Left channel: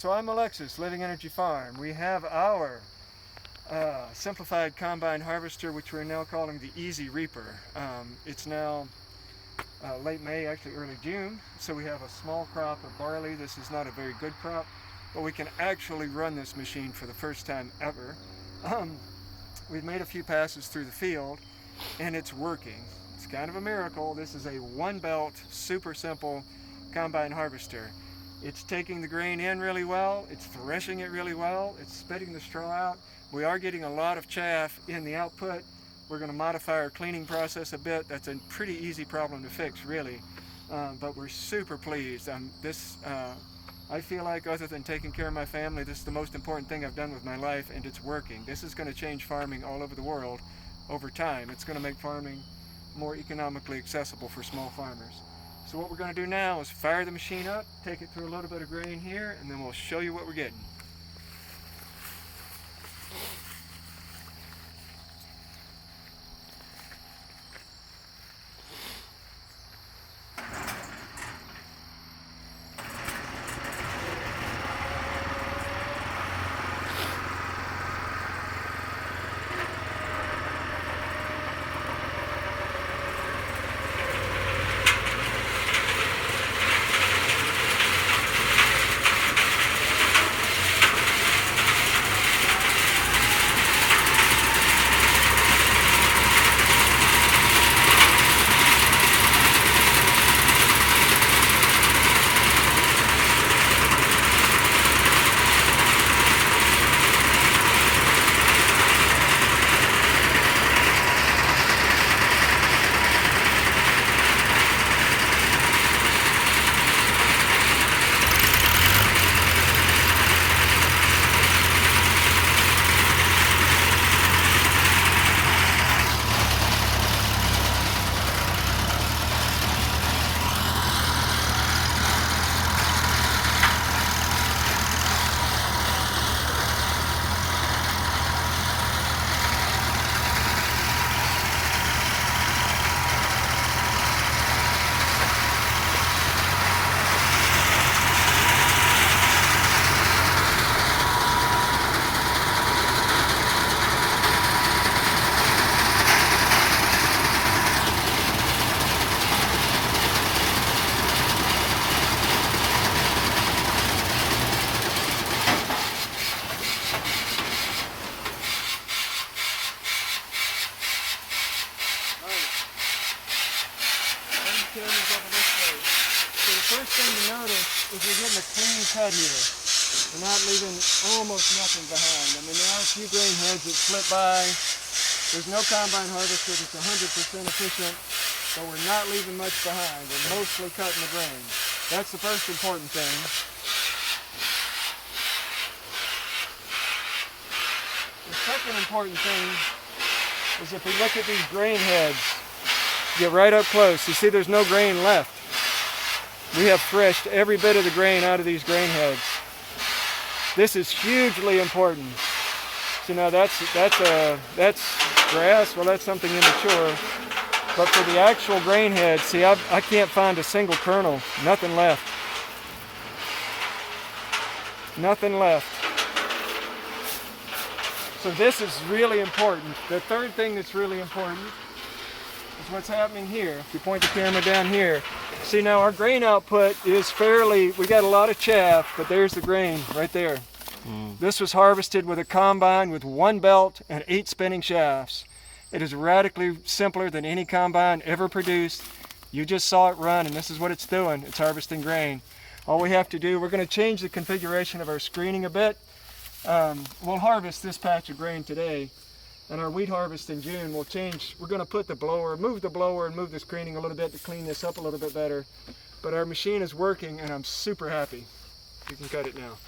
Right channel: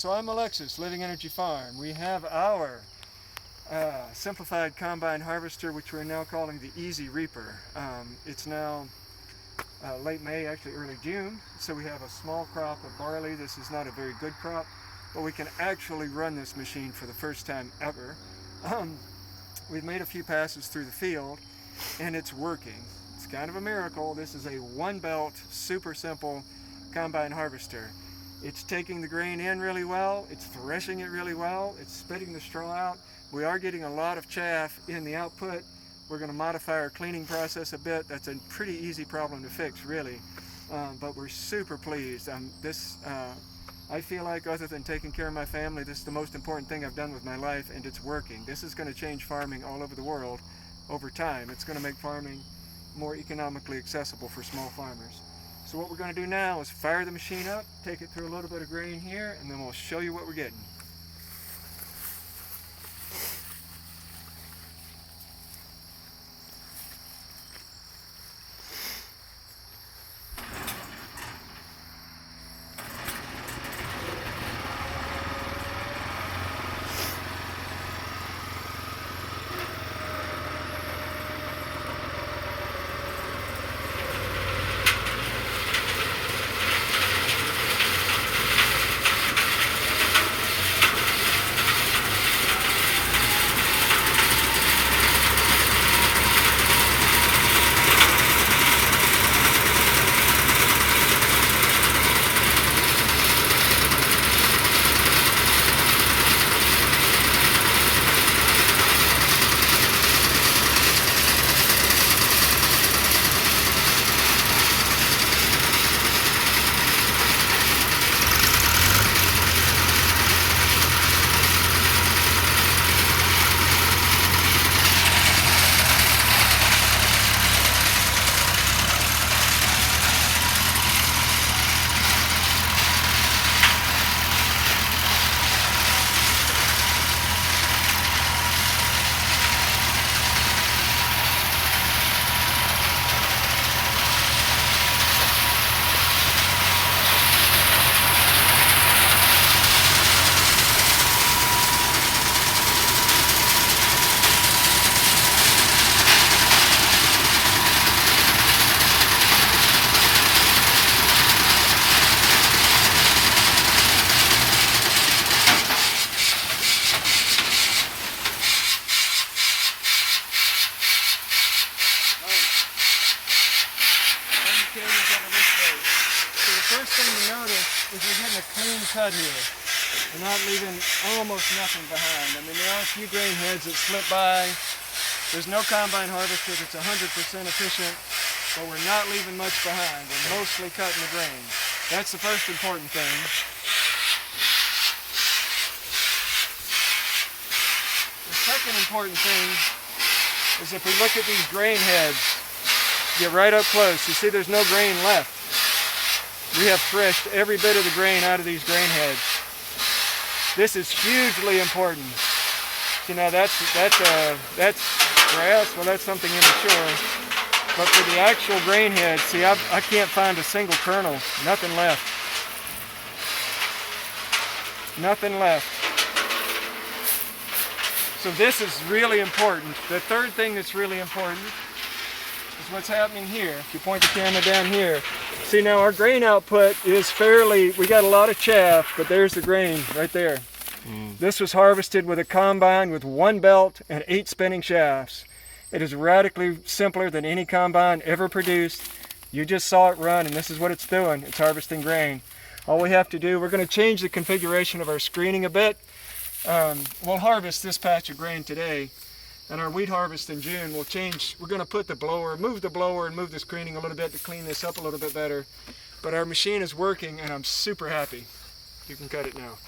So I'm Alexis, Living Energy Farm. We have our simplified combine harvester, which we're now calling the Easy Reaper. It's now late May, actually early June, so we have a small crop of barley. This is not a very good crop, but we can actually run this machine for the first time ever. We've made a few passes through the field, and it's working. It's kind of a miracle. This is a one-belt, super simple combine harvester. It's taking the grain in really well, it's threshing it really well, it's spitting the straw out. We are getting a lot of chaff in the output. We're going to modify our cleaning process a bit. That's a pretty easy problem to fix, really. But we're super pleased. I feel like, other than taking care of my family, this is the most important thing I've done with my life, and it's working. This is going to change farming all over the world over time. It's going to make farming more economically accessible for small farmers. So what we're going to do now is fire the machine up, take it through a little bit of grain here, and then we'll show you what we're getting. So the first thing to notice is we're getting a clean cut here. We're not leaving almost nothing behind. I mean, there are a few grain heads that slip by. There's no combine harvester that's 100% efficient, but we're not leaving much behind. We're mostly cutting the grain. That's the first important thing. The second important thing is if we look at these grain heads, get right up close, you see there's no grain left. We have threshed every bit of the grain out of these grain heads. This is hugely important. You know, that's grass, well, that's something immature. But for the actual grain heads, see, I can't find a single kernel, nothing left. Nothing left. So this is really important. The third thing that's really important is what's happening here. If you point the camera down here, see now our grain output is fairly, we got a lot of chaff, but there's the grain right there. This was harvested with a combine with one belt and 8 spinning shafts. It is radically simpler than any combine ever produced. You just saw it run, and this is what it's doing. It's harvesting grain. All we have to do, we're going to change the configuration of our screening a bit. We'll harvest this patch of grain today, and our wheat harvest in June will change. We're going to put the blower, move the blower and move the screening a little bit to clean this up a little bit better. But our machine is working, and I'm super happy. You can cut it now.